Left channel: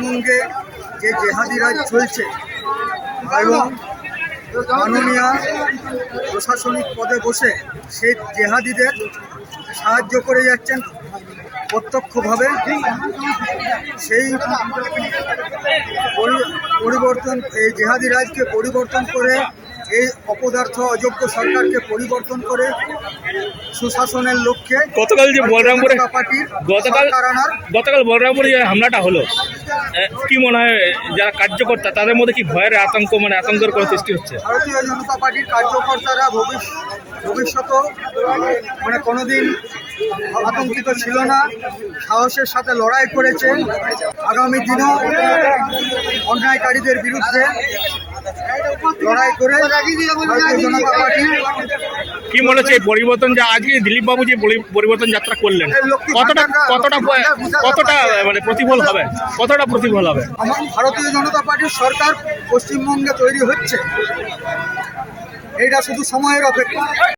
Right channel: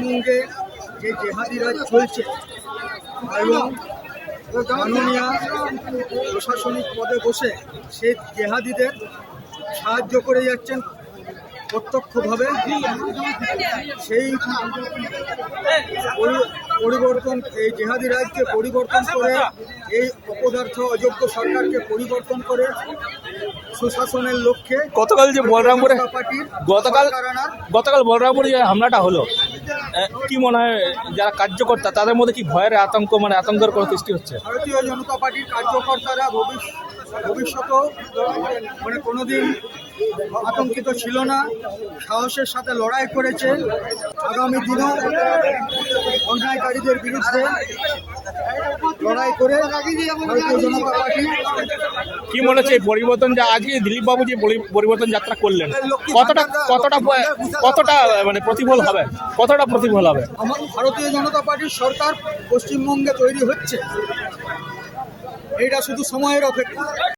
পশ্চিমবঙ্গে যে জেহাদি রাজ চলছে এবং মাননীয় প্রশাসনিক পদে বসে সেই জেহাদিদের সাহায্য করে যাচ্ছেন প্রত্যক্ষভাবে। সেই পরিবর্তন, এই জেহাদি রাজকে পরিবর্তন করে, এই অপদার্থ অযোগ্য সরকারকে পরিবর্তন করে সুশাসনের লক্ষ্যে গতকাল যে বলরামপুরে পার্টির গতকাল বলরামপুরে যে হামলাটা হলো, কি মনে হয় যারা কার্যকর্তা তাদের মধ্যে কি ভয়ের আতঙ্ক আতঙ্কের কোনো সৃষ্টি হচ্ছে? ভারতীয় জনতা পার্টির কার্যকর্তারা ভবিষ্যতেও কোনোদিন আতঙ্কিত ছিল না, সাহসের সাথে লড়াই করেছে। আগামী দিনেও অন্যায়কারীদের বিরুদ্ধে লড়াই করে ভারতীয় জনতা পার্টি। কি মনে হচ্ছে এই পরিবর্তন, যা আজকে দিলীপ বাবু যে পরিবর্তন যাত্রা করলেন, কতটা প্রতিফল হবে? কতটা প্রতিফল হবে? ভারতীয় জনতা পার্টির সরকার পশ্চিমবঙ্গে তৈরি হচ্ছে, এইটা শুধু সময়ের অপেক্ষা।